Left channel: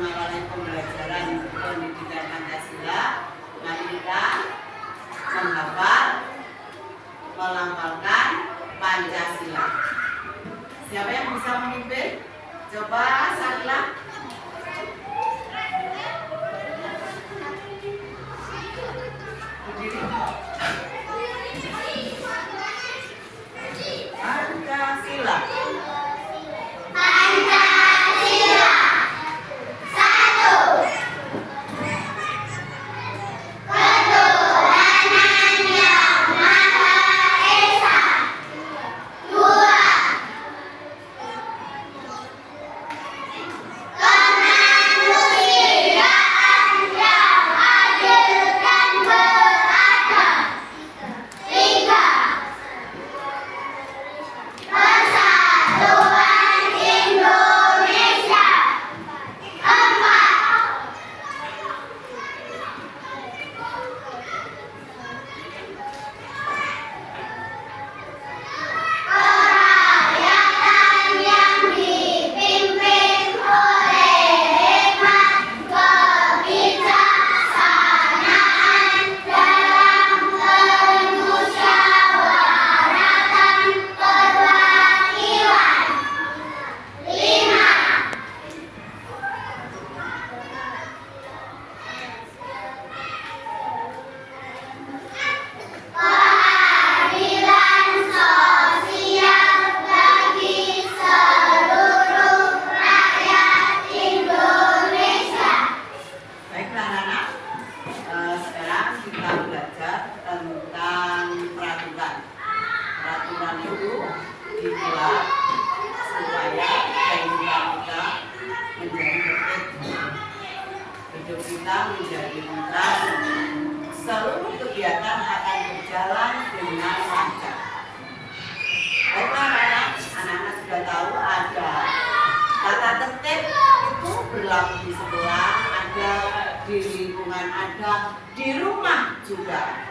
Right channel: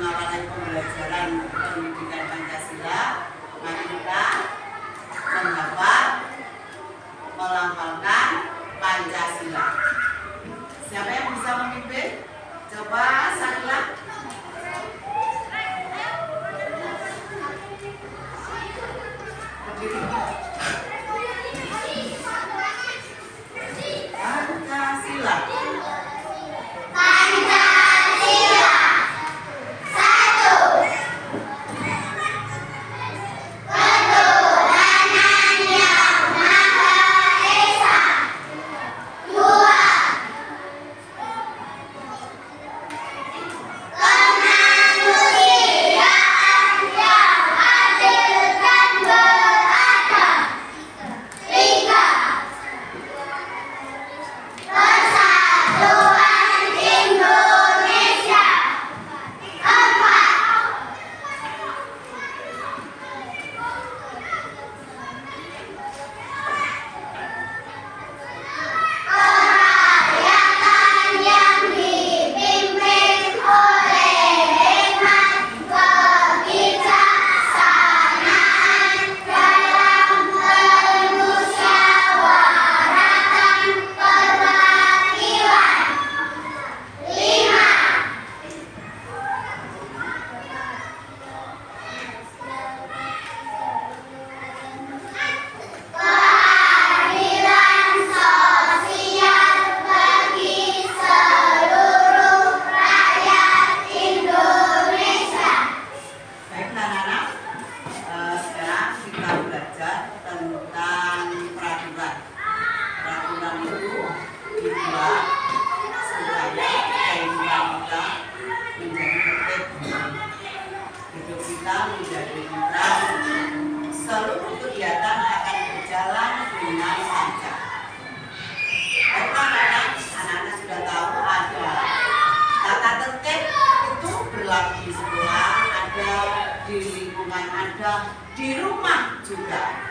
mengawali pembelajaran pendidikan Pancasila, mari kita menghafal, melafalkan Pancasila. Siapa yang bisa memimpin? Coba Sarila. Berdiri. Pancasila. Dibuat supaya kehidupan kita menjadi tertib, hidup kita menjadi tentram, seluruh kegiatan akan berjalan dengan lancar. Baiklah anak-anak sudah tahu ada tata tertib itu berlaku di sekolah, ada di lingkungan, ada di rumah juga.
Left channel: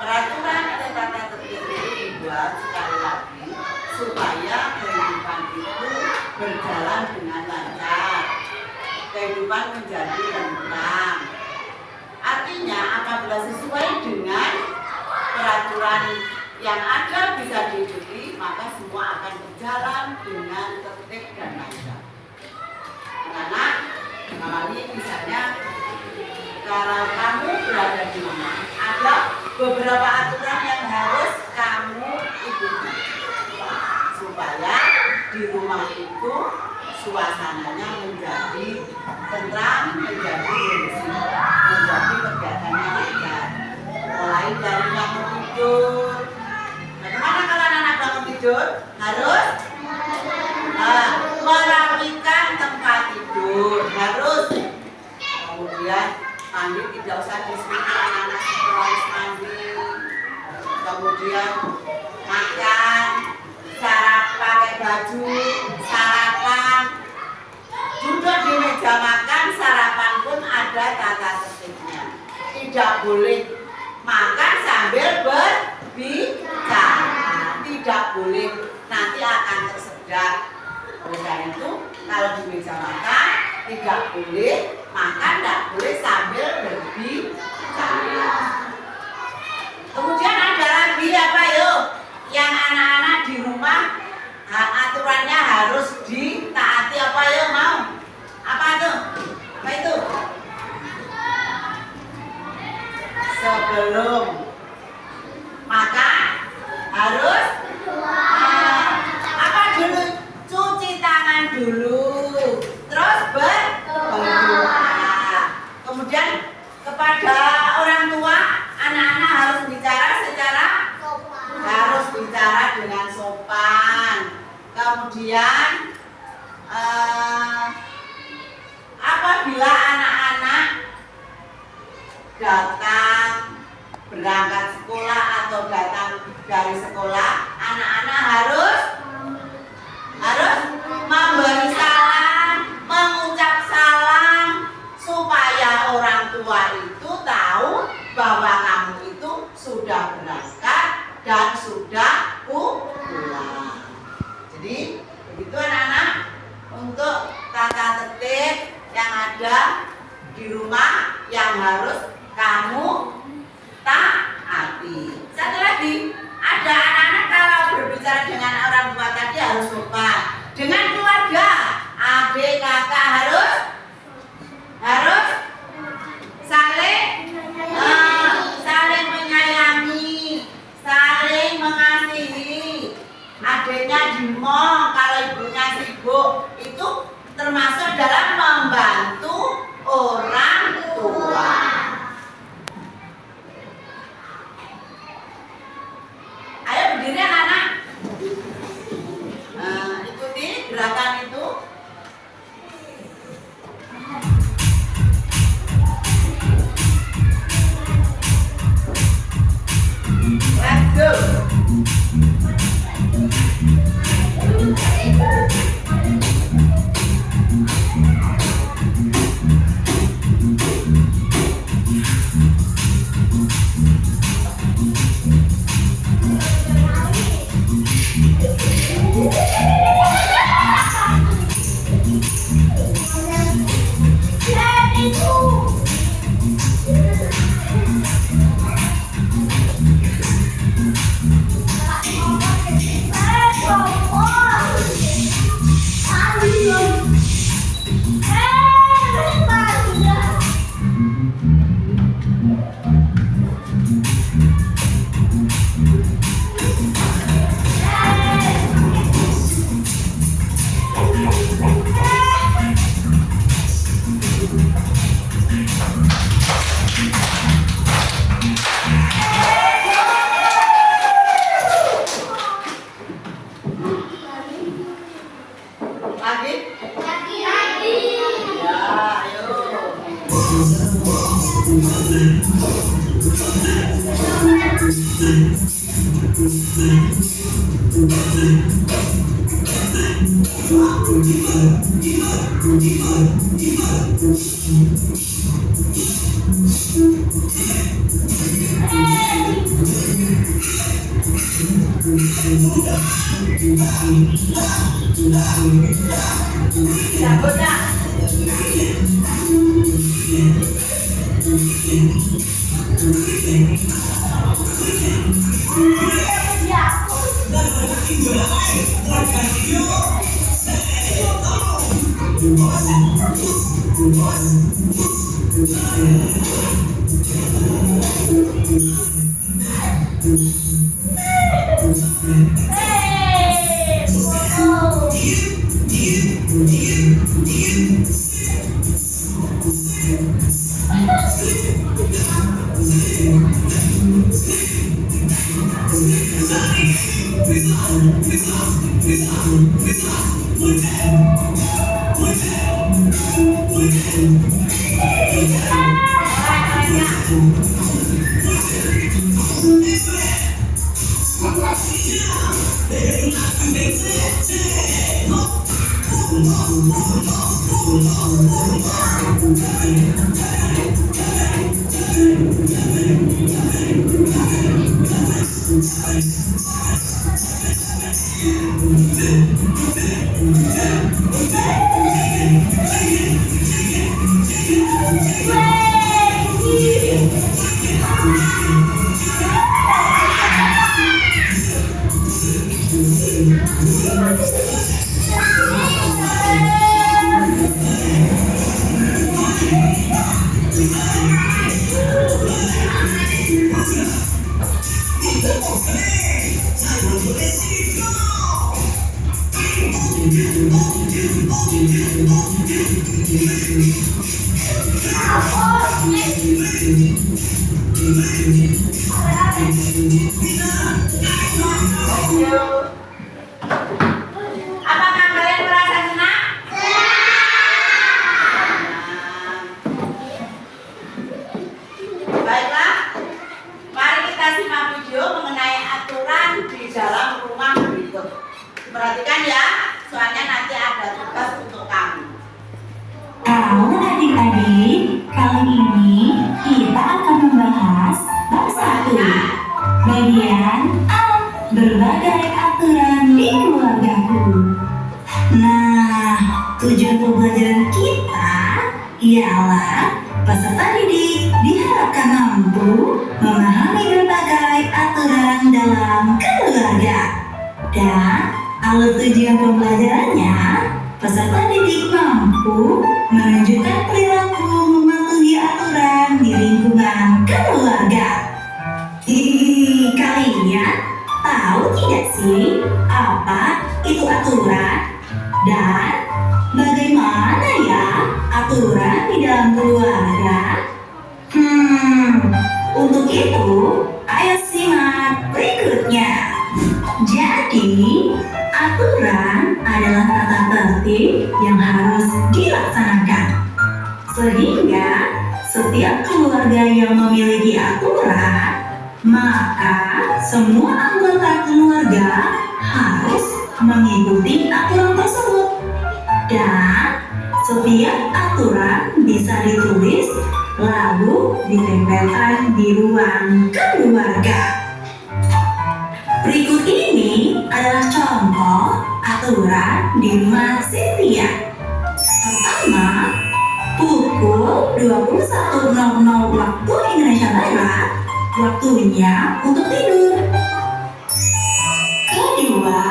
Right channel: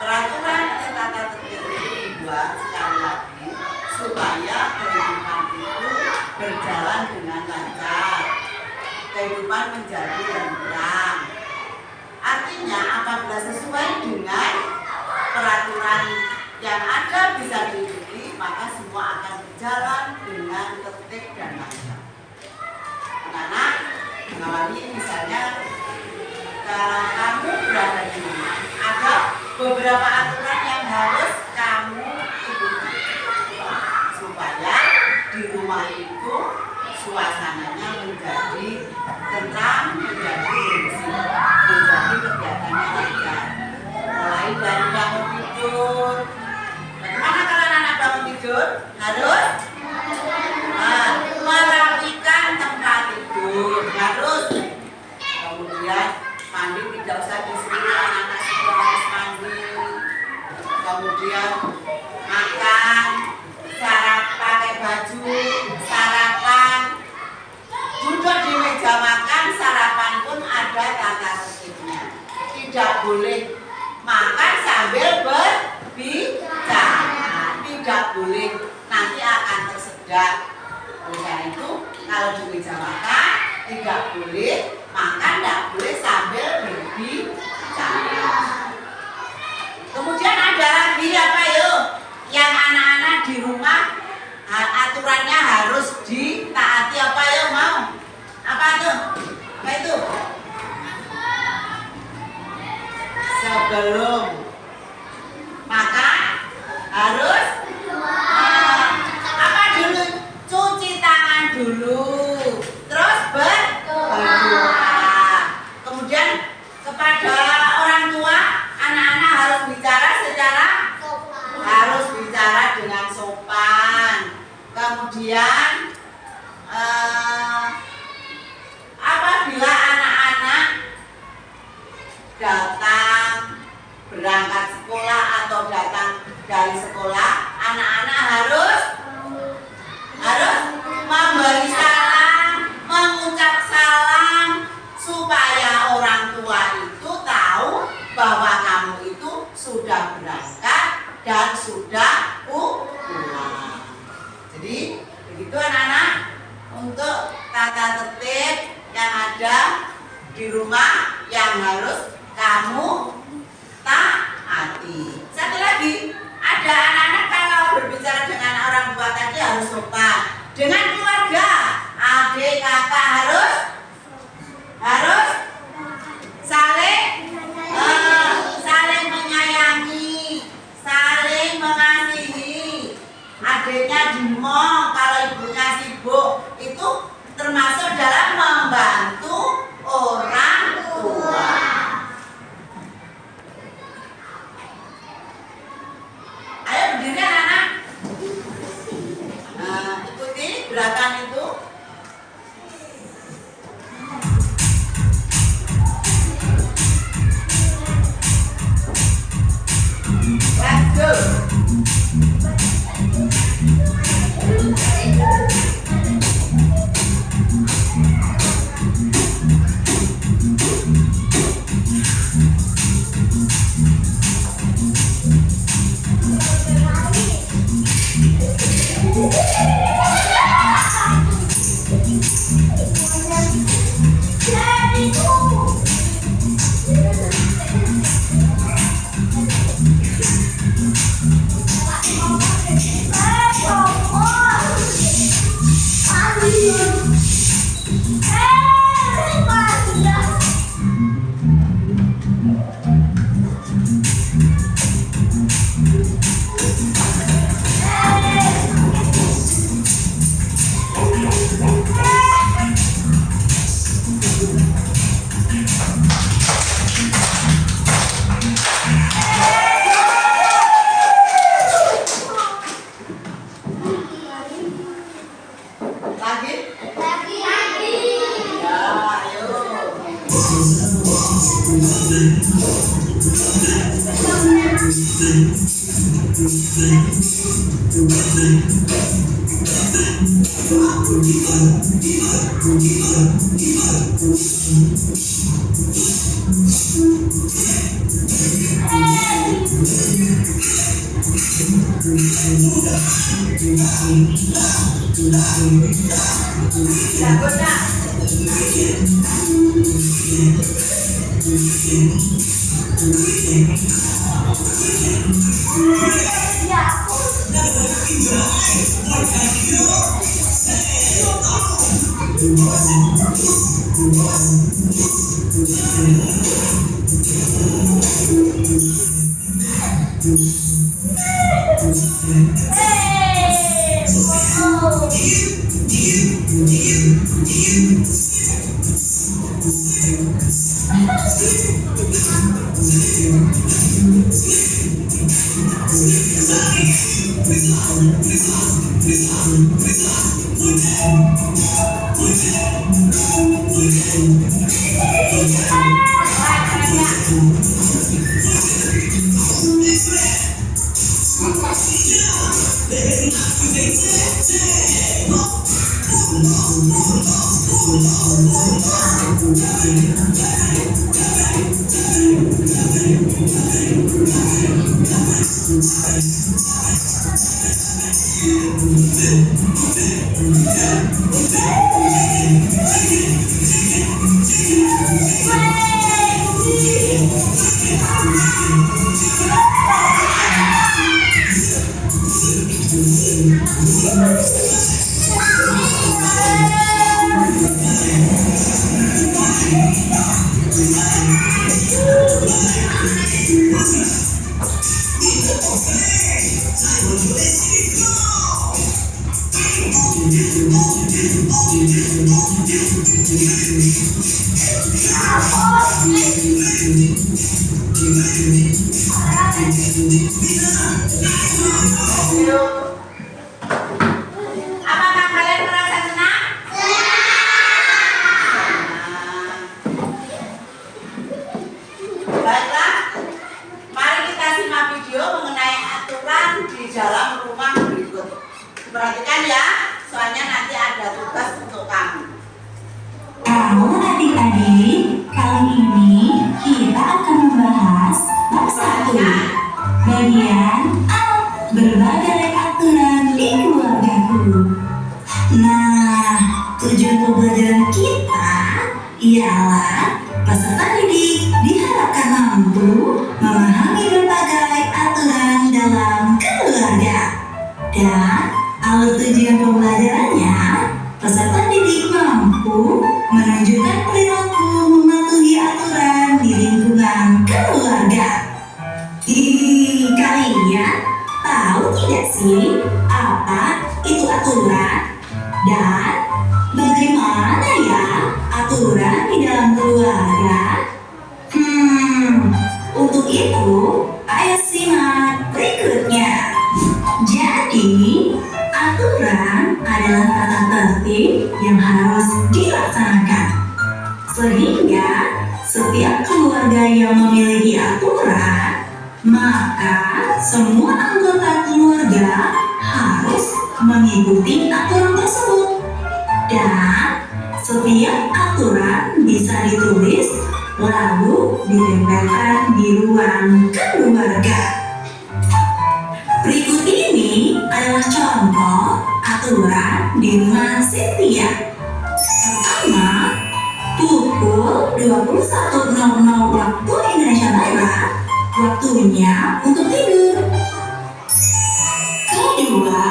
Peraturan atau tata tertib itu dibuat sekali lagi supaya kehidupan itu berjalan dengan lancar, kehidupan menjadi tentram. Artinya apabila sesuai dengan peraturan yang ada bisa diikuti, maka semua akan berjalan dengan tertib dan lancar. Karena mengawali misalnya kalau kamu berada di rumah, ada beberapa aturan yang harus kamu ikuti supaya di rumah itu suasananya menjadi tentram, menjadi kondusif, menjadi kegiatannya lancar. Mulai dari bangun tidur. Bagaimana kalau anak bangun tidur? Harus merapikan tempat tidur, harus. Kemudian mandi tidak usah disuruh anak-anak harus mandi. Kemudian makan, sarapan, pakai baju, sarapan. Duduk di meja makan, sarapan pun ada tata tertibnya. Tidak boleh makan sambil berbicara. Tidak boleh, nanti akan tersedak. Oleh karena itu, kalau di meja makan tidak boleh makan, tidak boleh sambil berbicara. Kemudian ada lagi apa yuk? Yang anak-anak di rumah aturannya harus ditaati apa yuk mau? Apa tuh? Apa itu? Sebelum makan harus apa dulu? Cuci tangan dulu. Terus berdoa. Kemudian kepada orang tua, anak-anak harus bicara secara harus bicara dengan sopan. Kemudian apabila anak-anak datang berangkat sekolah atau datang dari sekolah, anak-anak harus memberi salam, mengucap salam supaya orang tua itu tahu bahwa kamu itu sudah berangkat dan sudah pulang. Jadi begitu anak-anak untuk tata tertib yang ada di rumah yang harus kamu taati. Satu lagi, ada anak-anak kalau berbicara dengan orang tua tadi harus sopan. Dengan keluarga, adik kakak harus saling menyayangi, saling mengasihi. Adiknya di mall kalau ibunya sibuk, itu termasuk dalam membantu orang tua. Ayo berdiri anak-anak. Ikuti gerakan itu. Let's go. Apakah kalian merasa senang? Baiklah, mari kita simak video mengenai aturan di dalam rumah berikut. Perhatikan ya, soalnya nanti ada tugas untuk kamu. Halo adik-adik, kali ini kita akan membahas bab 1, bagian A, berbagai aturan di keluargaku. Nah, tujuan pembelajaran kita ialah peserta didik diharapkan mampu memahami berbagai aturan dalam keluarga. Dan alur tujuan pembelajarannya, peserta didik mampu menunjukkan perilaku mematuhi aturan di lingkungan keluarga. Kalian tahu tidak sih apa itu aturan? Dan bagaimana ya aturan di dalam keluarga? Untuk itu, ayo simak berikutnya. Jadi, aturan adalah tata tertib yang harus dilaksanakan. Sehingga setiap keluarga yang memiliki aturan, maka semua anggota keluarga harus mengikuti aturan tersebut. Dan setiap aturan bisa ditulis lalu ditempelkan di ruang keluarga. Berikut ini adalah contoh aturan di rumah Cynthia. Pertama, pukul 21.00 waktu Indonesia Barat, waktunya untuk tidur. Kedua,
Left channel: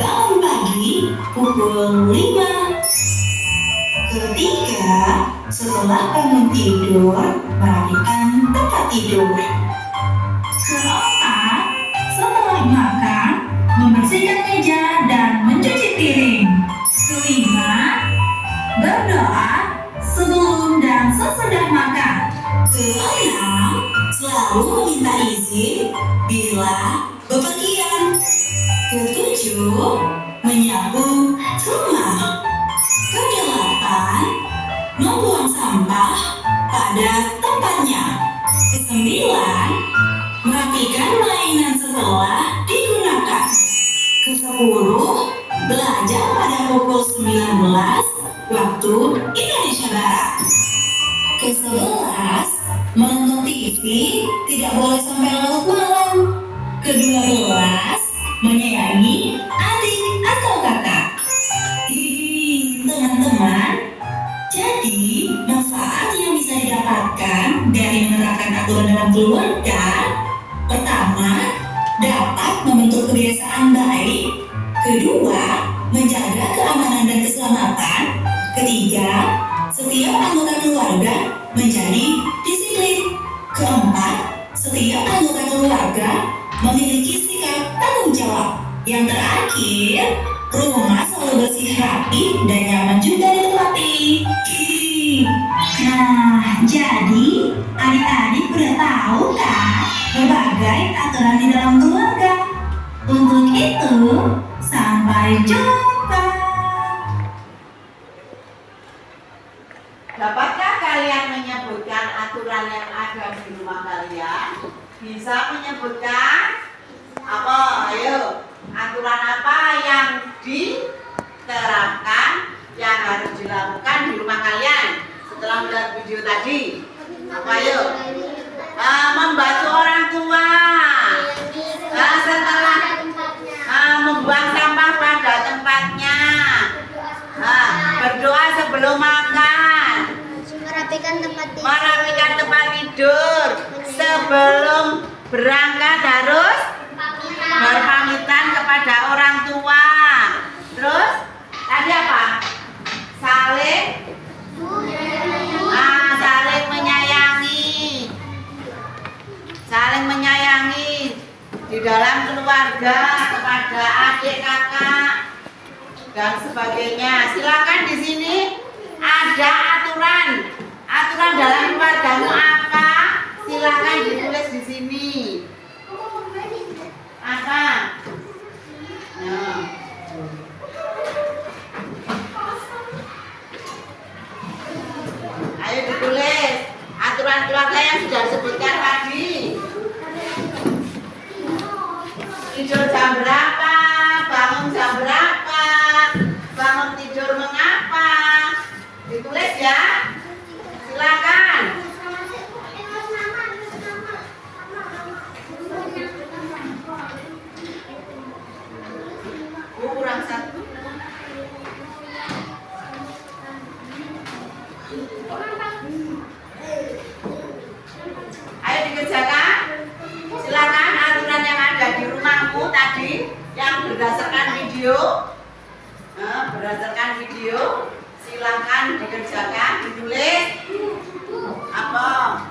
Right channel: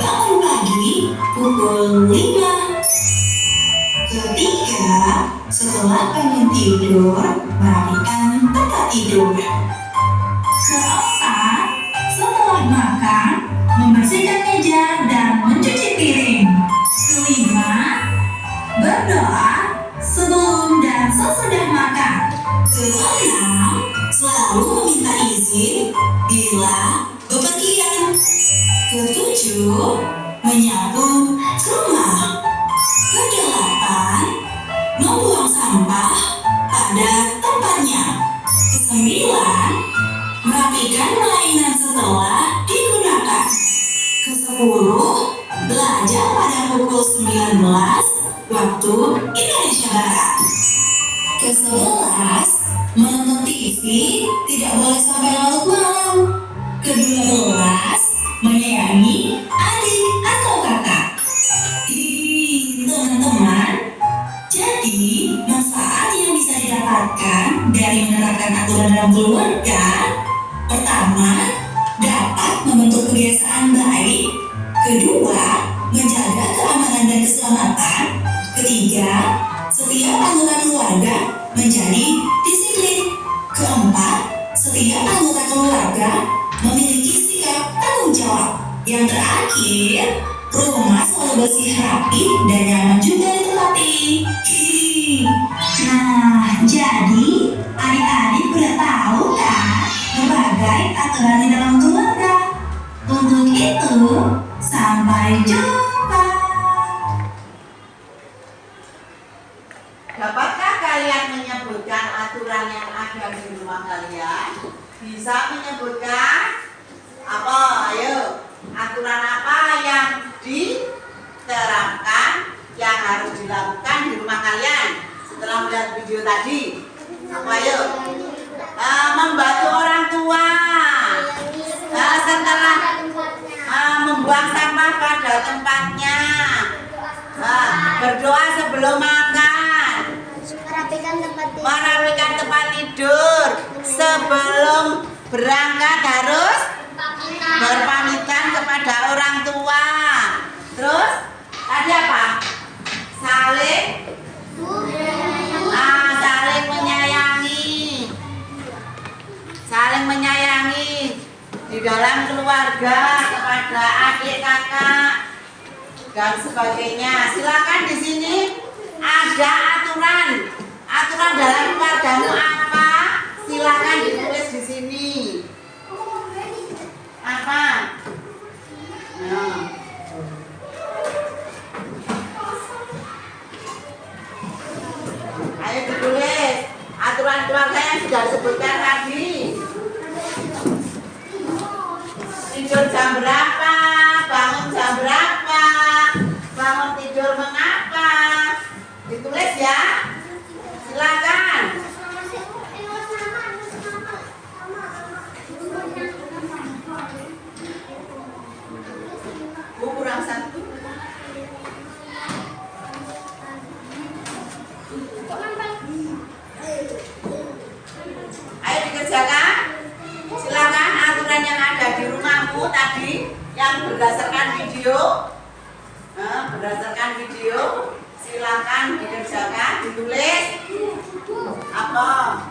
bangun pagi pukul 5. Ketiga, setelah bangun tidur, merapikan tempat tidur. Keempat, setelah makan, membersihkan meja dan mencuci piring. Kelima, berdoa sebelum dan sesudah makan. Keenam, selalu meminta izin bila bepergian. Ketujuh, menyapu rumah. Kedelapan, membuang sampah pada tempatnya. Kesembilan, merapikan mainan setelah digunakan. Kesepuluh, belajar pada pukul 19 waktu Indonesia Barat. Ke-11, menonton TV tidak boleh sampai larut malam. Ke-12, menyayangi adik atau kakak. Teman-teman, jadi manfaat yang bisa didapatkan dari menerapkan aturan dalam keluarga, pertama, dapat membentuk kebiasaan baik. Kedua, menjaga keamanan dan keselamatan. Ketiga, setiap anggota keluarga menjadi disiplin. Keempat, setiap anggota keluarga memiliki sikap tanggung jawab. Yang terakhir, rumah selalu bersih, rapi, dan nyaman juga ditempati. Nah, jadi adik-adik udah tahu kan berbagai aturan di dalam keluarga. Untuk itu, sampai jumpa. Dapatkah kalian menyebutkan aturan yang ada di rumah kalian? Bisa menyebutkan? Apa? Ayo. Aturan apa yang diterapkan, yang harus dilakukan di rumah kalian setelah melihat video tadi? Apa ayo? Membantu orang tua. Setelah membuang sampah pada tempatnya. Berdoa sebelum makan. Merapikan tempat tidur. Sebelum berangkat harus berpamitan kepada orang tua. Terus tadi apa? Saling menyayangi. Saling menyayangi di dalam keluarga kepada adik kakak dan sebagainya. Silakan di sini ada aturan. Aturan dalam keluargamu apa? Silakan ditulis di sini. Apa? Nah. Ayo ditulis aturan keluarga yang sudah disebutkan tadi. Tidur jam berapa? Bangun jam berapa? Bangun tidur mengapa? Ditulis ya. Silakan. Kurang satu. Ayo dikerjakan. Silakan aturan yang ada di rumahmu tadi yang berdasarkan video. Silakan dikerjakan, ditulis. Apa?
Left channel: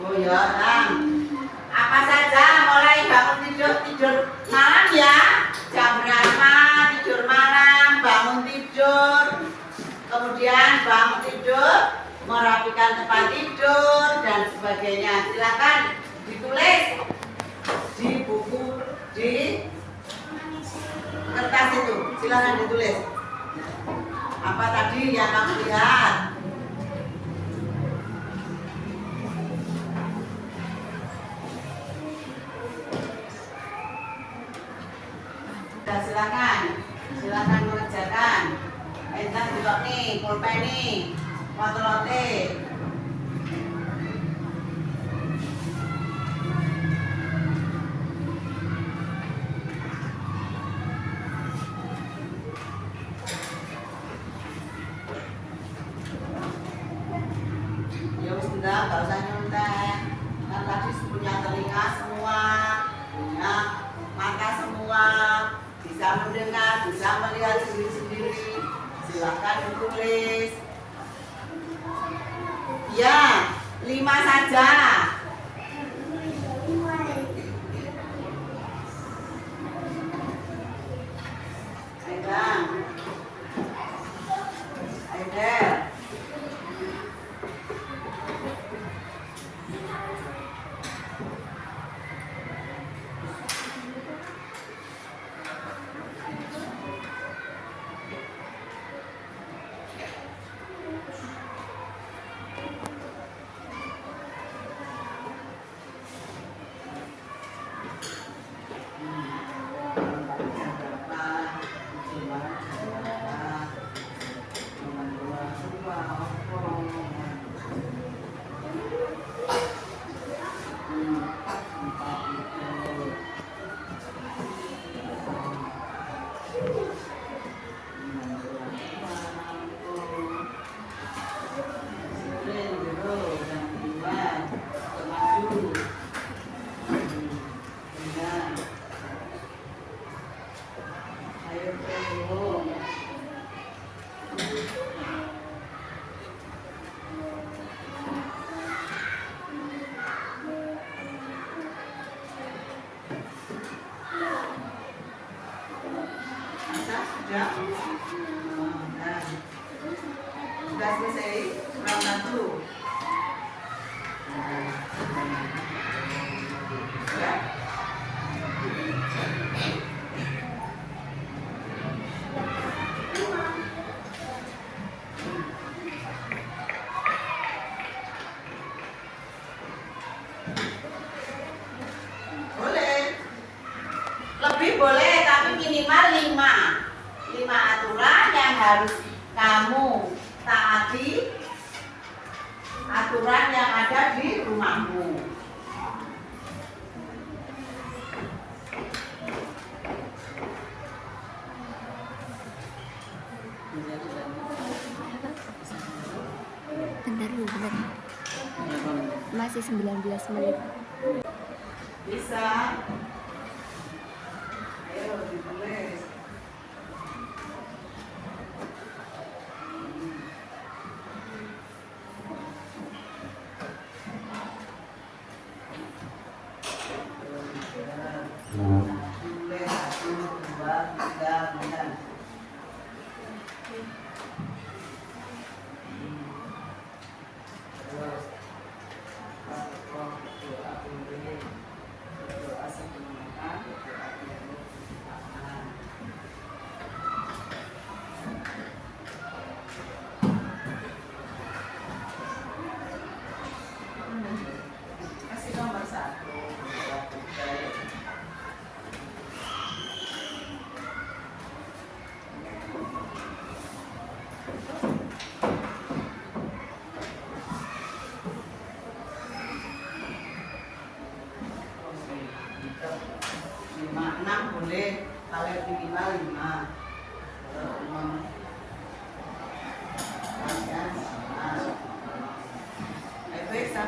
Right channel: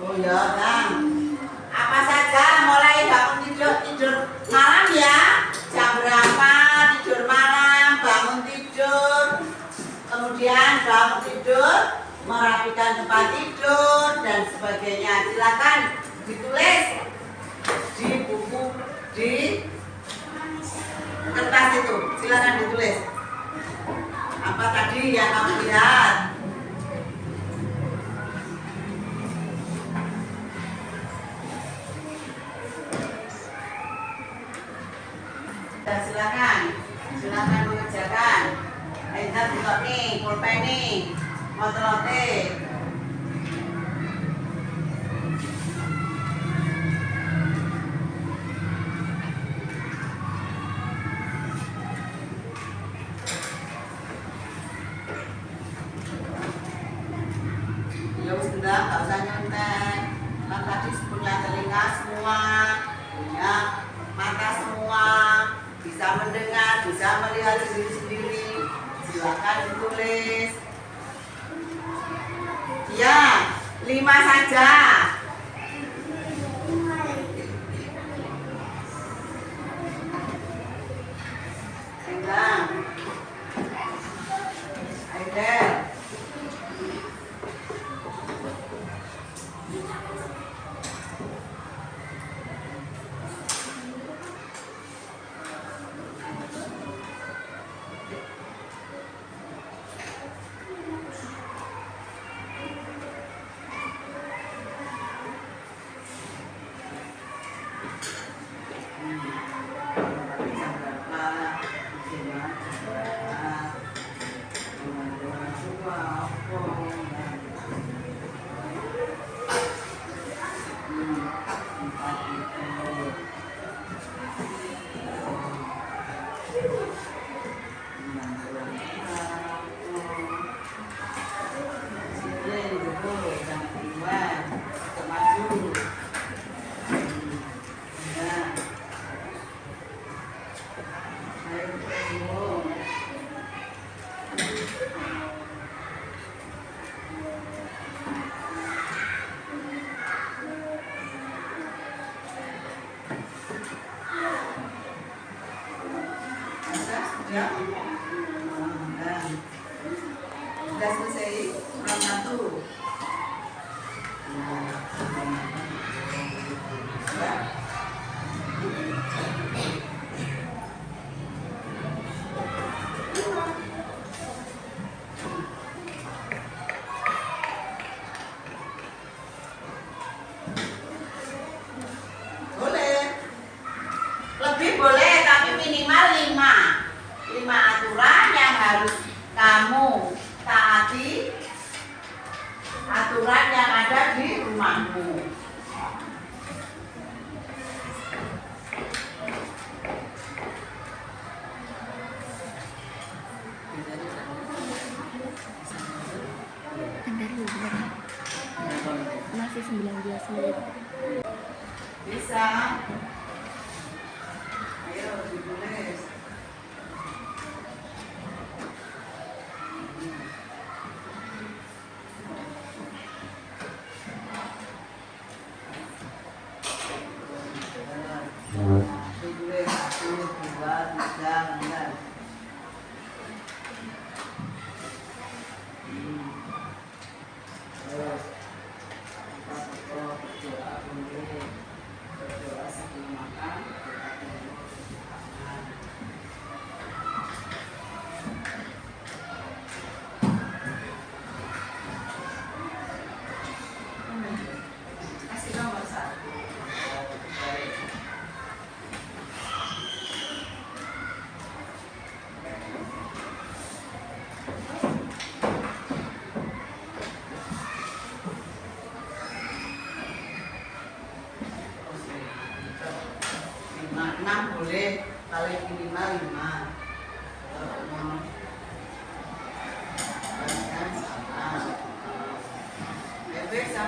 Oh ya, Bang. Apa saja mulai bangun tidur malam ya? Jam berapa tidur malam, bangun tidur, kemudian bangun tidur, merapikan tempat tidur dan sebagainya. Silakan ditulis di buku, di kertas itu. Silakan ditulis. Apa tadi yang kamu lihat? Silakan mengerjakan. Enter juga nih, pulpen nih, motor-motor. Ya wis ndak, enggak usah nyontek. Kan tadi punya telinga semua, punya mata semua, bisa mendengar, bisa melihat sendiri-sendiri. Silakan ditulis. Ya, 5 saja. Pegang. Ayo deh. Ya. Sudah selesai round 1. Ya. Boleh. Lebih boleh tapi minimal 5 aturan yang harus kamu taati, aturan yang ada di rumahmu. Bentar. Masih 19 menit. Bisa. Ayo ditulis. Ditulis 1, 2, 3, 4. Terus berdoa boleh, berdoa sebelum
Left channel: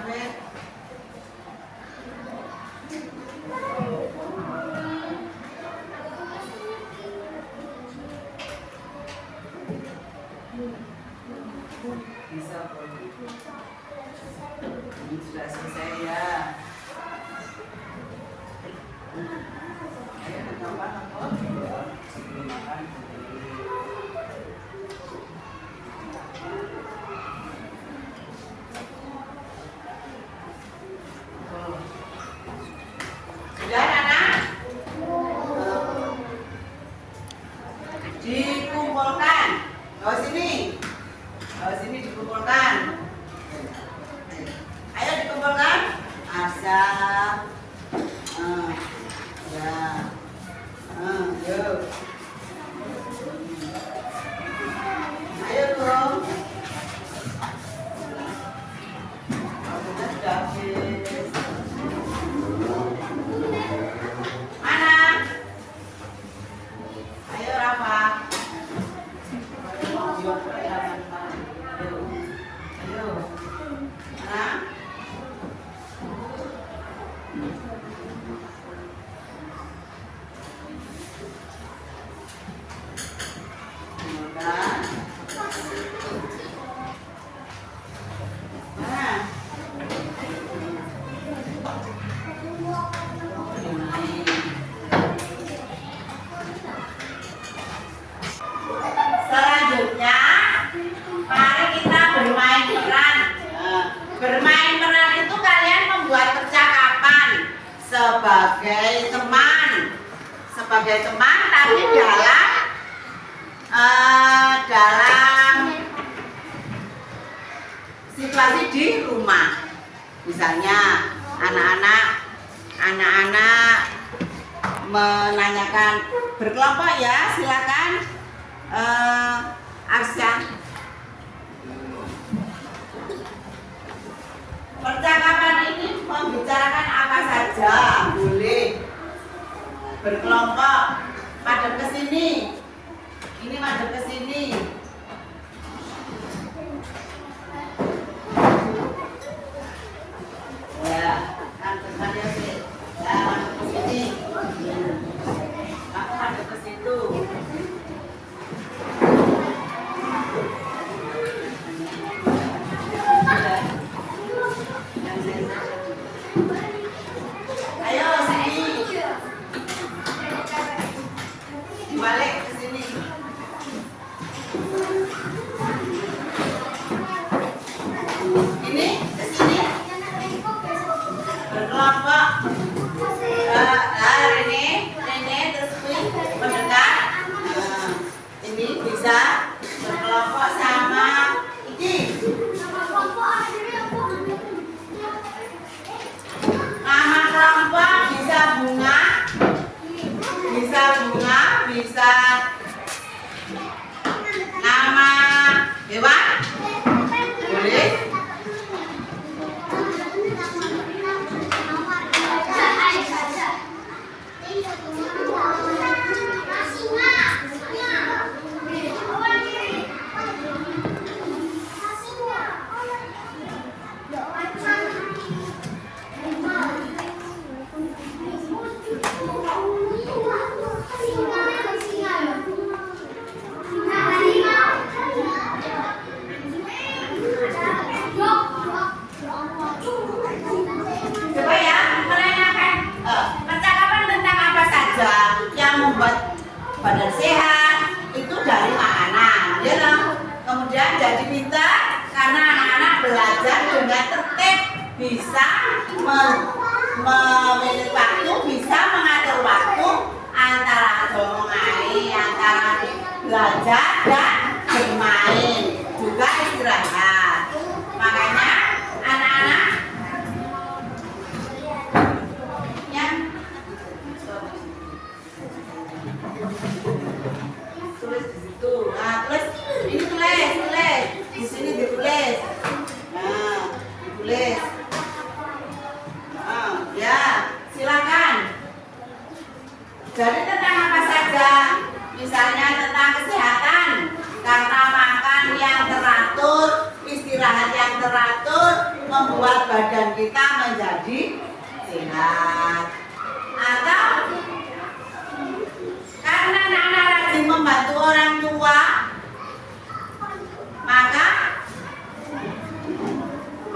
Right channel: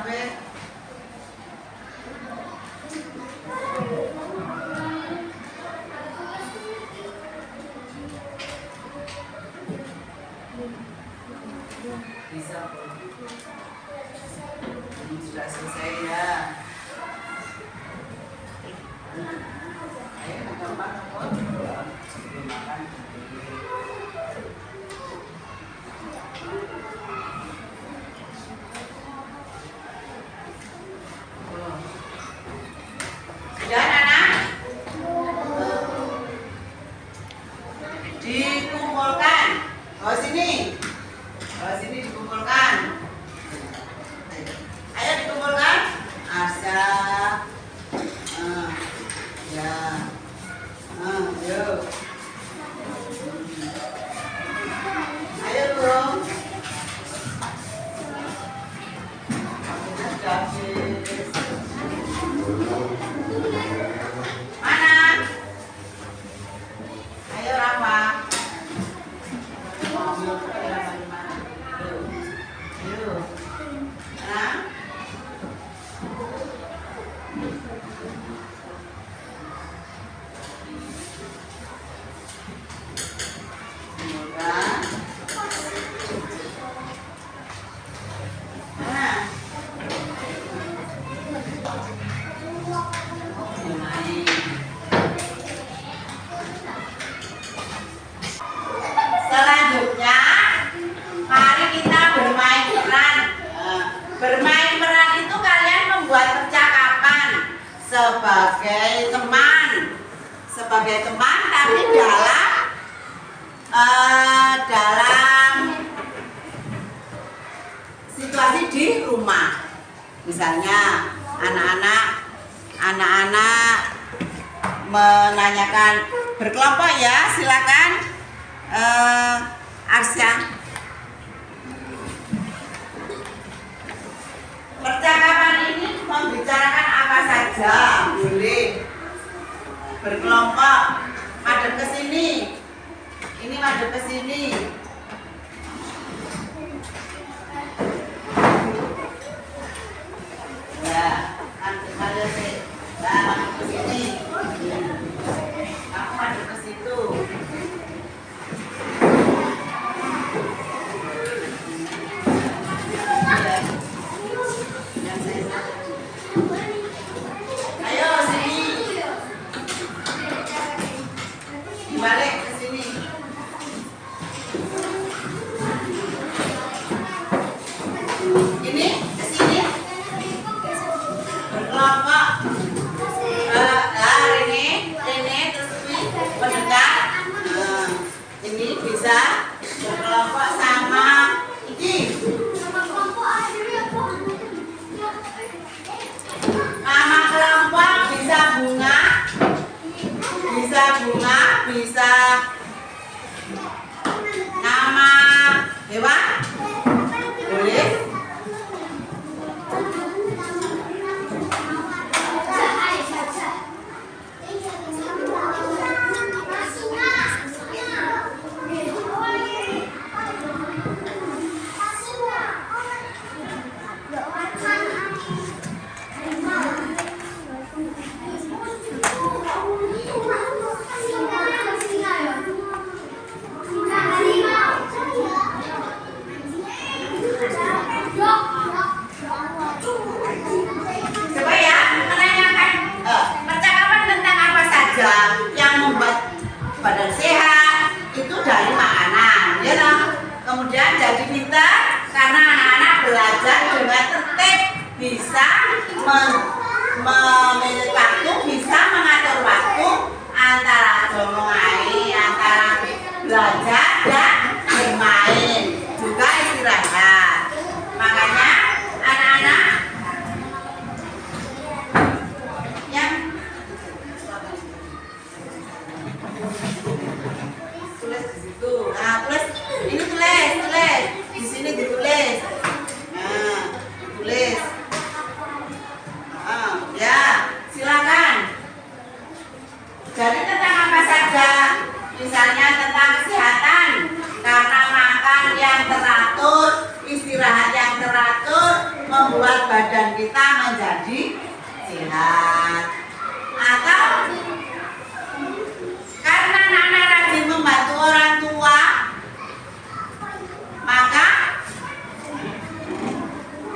capek. Bisa kok. Ini sudah selesai ya. Ayo kita makan kok. Sebelum makan. Sudah anak? Dikumpulkan. Oh sini. Oh sini dikumpulkan. Ayo dikumpulkan. Asya. Ya. Yuk. Ayo dong. Kita sudah habis. Mana? Ayo Rafa. Ayo. Nah. Kemudian. Mana? Selanjutnya, mari kita bermain peran. Bermain peran itu kalian membuat percakapan sebagai teman, tapi dalam situasi di rumah. Misalnya anak-anak menanyakan berkelompok ya, silakan. Arsya. Percakapan ini membicarakan apa saja, boleh berkelompok, madep ke sini. Ini madep ke sini. Ya, madep sih. Nah, madep ke sini. Kamu madep ke situ. Ayo sini. Balik ke sini. Ini ke sini. Berkelompok. Rene terus mendekat. Ini bisa berkelompok sama ini. Nama kelompok bisa bunga, bisa nama hewan, boleh. Coba ya, menanyakan percakapan tentang apa saja yang membuat badan sehat itu dari makanan, ya toh? Kemudian jadi pintar karena anak-anak belajar dengan tertib, bisa memilih waktu, bisa mengatur waktu antara jomongai, antara belajar dan bermain, juga istirahat. Makanya anak-anak yang tulis di situ. Nah, tulis di sini ditulis. Nah, tulis. Ya, silakan. Jadi tentang apa saja? Misalnya tentang kesehatan, karena makan yang teratur, istirahat yang teratur, membuat badan kita menjadi sehat. Atau karena anak-anak rajin membantu orang tua, maka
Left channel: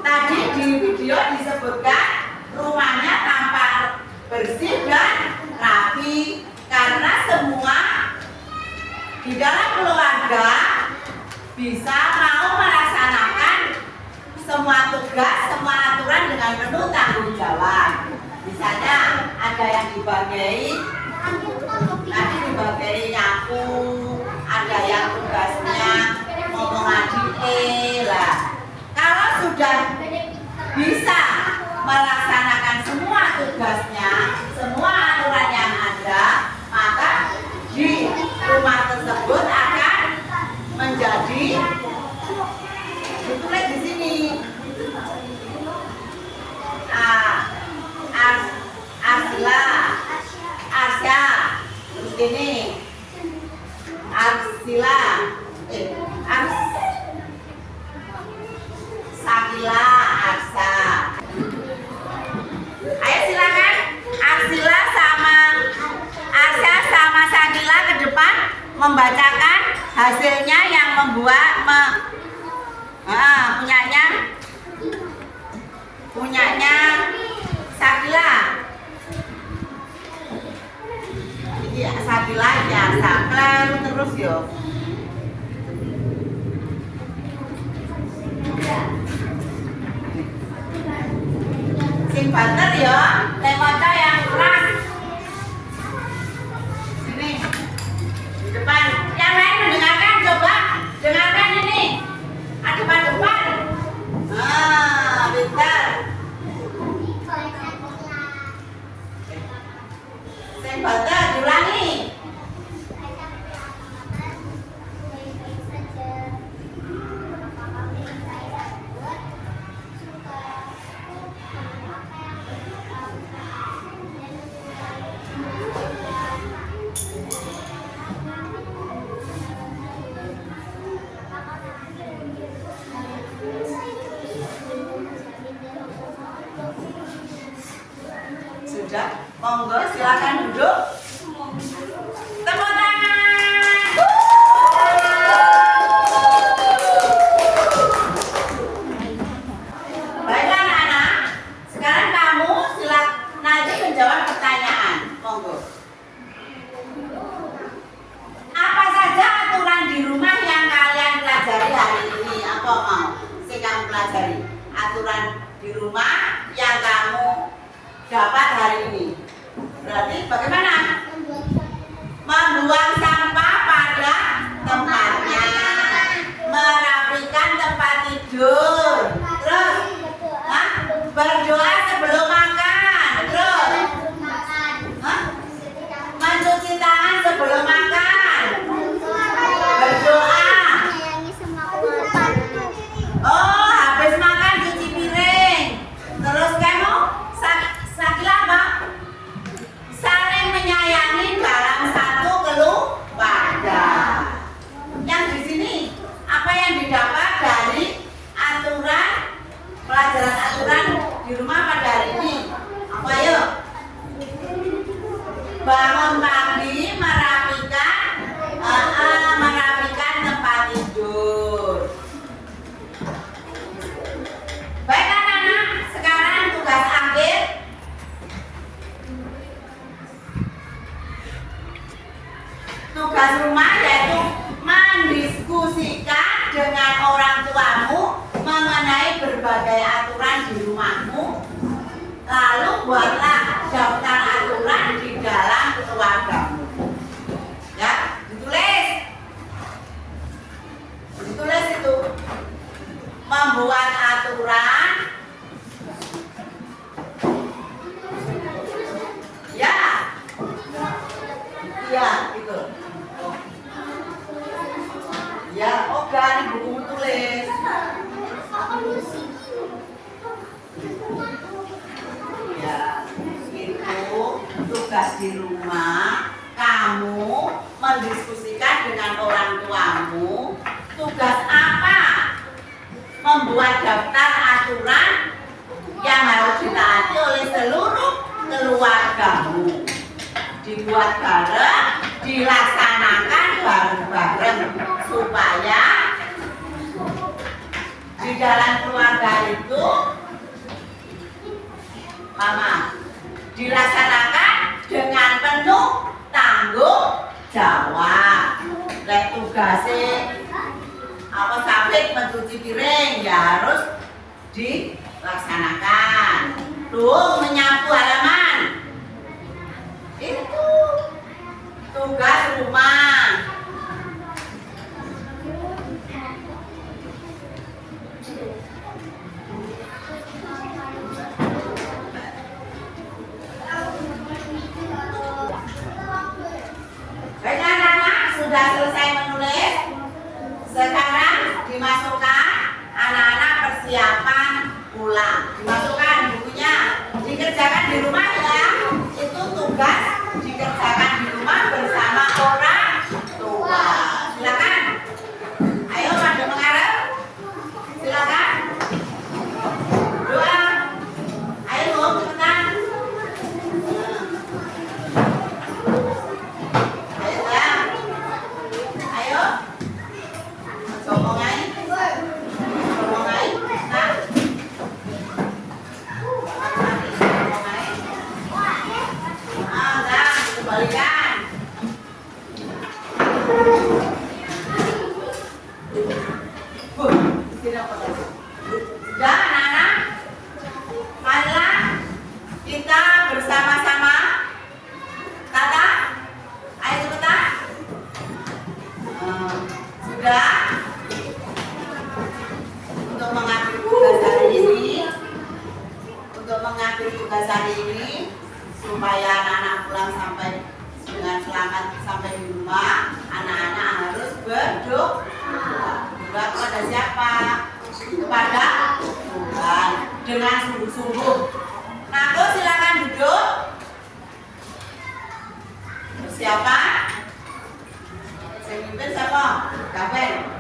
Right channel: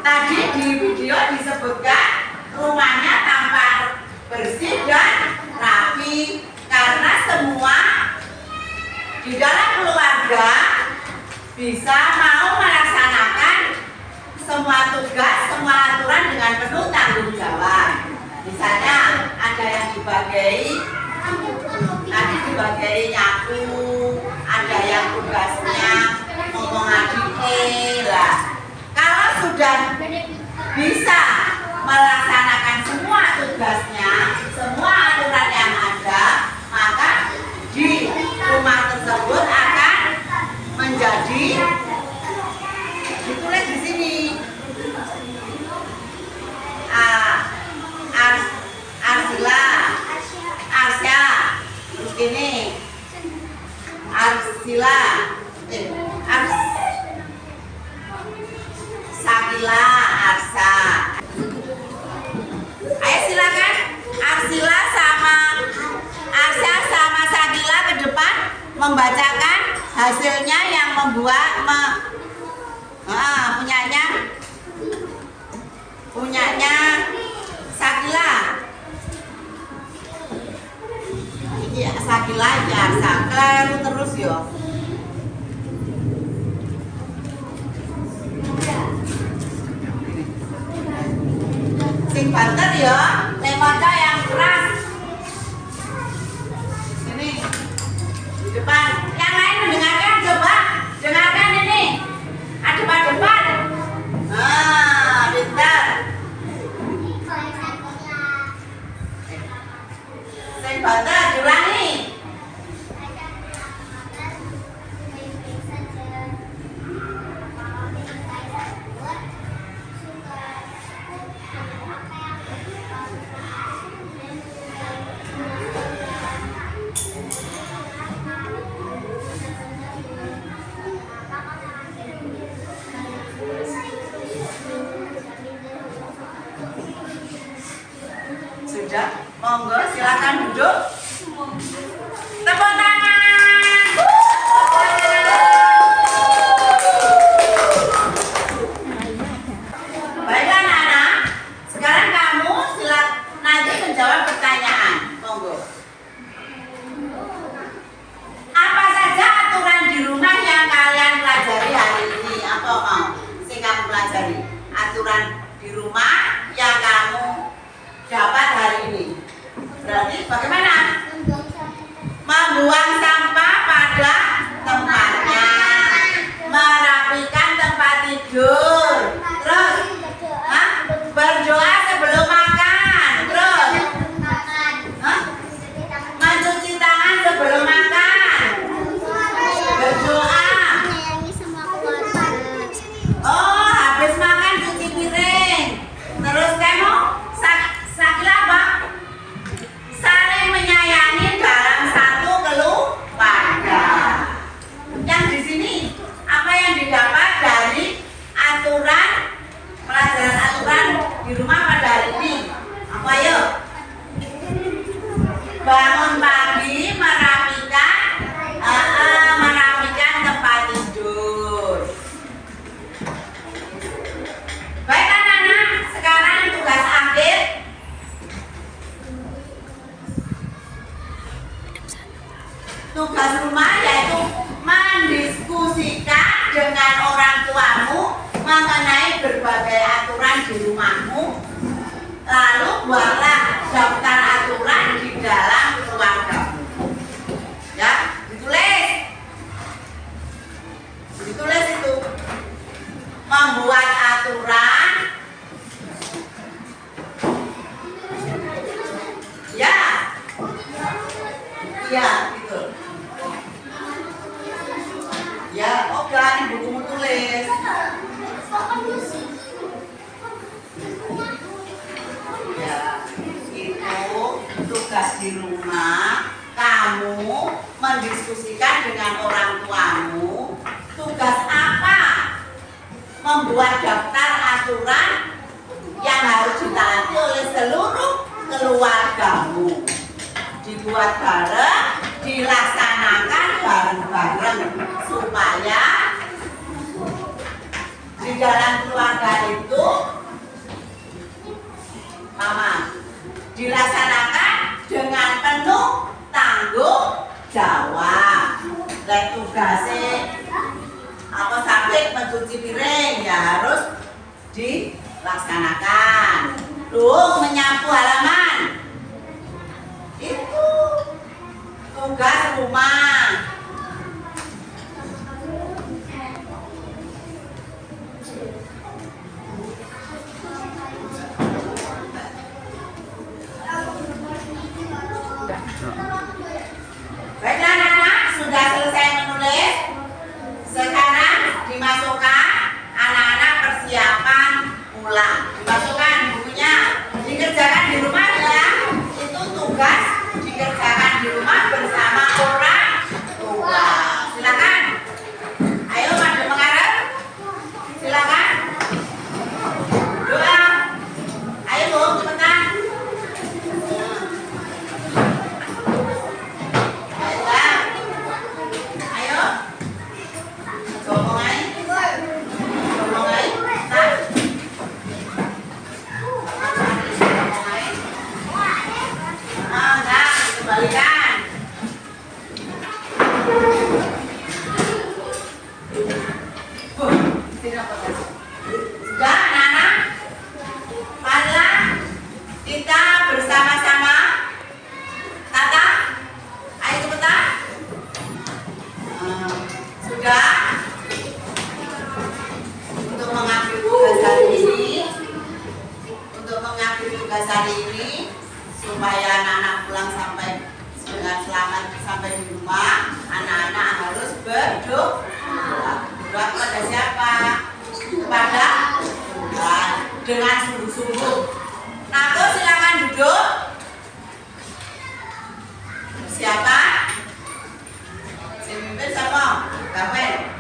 tadi di video disebutkan rumahnya tampak bersih dan rapi karena semua di dalam keluarga bisa mau melaksanakan semua tugas, semua aturan dengan penuh tanggung jawab. Misalnya ada yang dibagai, nanti dibagai nyapu, ada yang tugasnya ngomong adike lah. Kalau sudah bisa melaksanakan semua tugasnya, semua aturan yang ada, maka di rumah tersebut akan menjadi, ditulis di sini, Arsila, Arsya, terus ini Arsila, Sakila, Arsa. Ayo silakan Arsila sama Arsa sama Sakila ke depan membacakan hasilnya yang punyanya Sakila. Iya, Sakila ya, Sakila terus yo. Sing banter ya, lemota yang keras. Ini di depan. Yang lain mendengarkan, coba dengarkan ini. Depan. Pintar. Sing banter diulangi. Sudah, monggo silakan duduk. Tepuk tangan. Baik anak-anak, sekarang kamu nanti menjawab pertanyaan. Monggo. Apa saja aturan di rumah yang kalian pelajari hari ini? Apa mau? Saya kamu pelajari aturan di rumah yang kamu dapat hari ini. Berarti bagaimana? Membuang sampah pada tempatnya, merapikan tempat tidur, terus berdoa sebelum makan, terus mencuci tangan sebelum makan, berdoa. Oh, habis makan cuci piring, terus kamu Sakila apa? Saling menyayangi dalam satu keluarga. Yang di sini apa yang didapat dari pelajaran aturan di rumah pada hari ini? Apa yuk? Bangun pagi merapikan tempat tidur. Baik anak-anak, sekarang tugas akhir. Tugas rumah yaitu mendiskusikan dengan orang tuamu mengenai berbagai aturan di rumahmu. Lalu buatlah daftar aturan di dalam keluargamu. Ya, ditulis itu. Membuat aturan. Ya. Iya, gitu. Ya, oke, ini bukumu tulis. Ya, itu tugas di rumah. Kamu mendiskusikan dengan orang tuamu. Tugas apa? membuat daftar aturan yang harus ditaati oleh seluruh keluargamu. Dibuat bareng, dilaksanakan bareng-bareng supaya di dalam keluarga itu Mama dilaksanakan dengan penuh tanggung jawab. Lek tugasnya apa sampai mencuci piring ya harus dilaksanakan. Tuh menyapu halaman itu tugas rumah. Baik anak-anak, sudah selesai menulis. Sekarang dimasukkan anak-anak persiapan pulang. Dimasukkan bukunya, dikerjakan di rumah ya. Itu tugas dikerjakan di rumah bersama orang tua. Silakan. Ayo pada mengarep. Silakan. Doa. Ayo cepetan. Sudah anak-anak, marilah kita bersama-sama tata. Ayo cepetan. Sudah. Untuk mengakhiri tugas hari ini, supaya anak-anak pulang sampai dengan selamat sampai di rumah, anak-anak harus berdoa. Berdoa kepada siapa? Kepada Tuhan dengan sungguh-sungguh. Nako silakan duduk. Siapa? Si mimpin siapa? Gawen.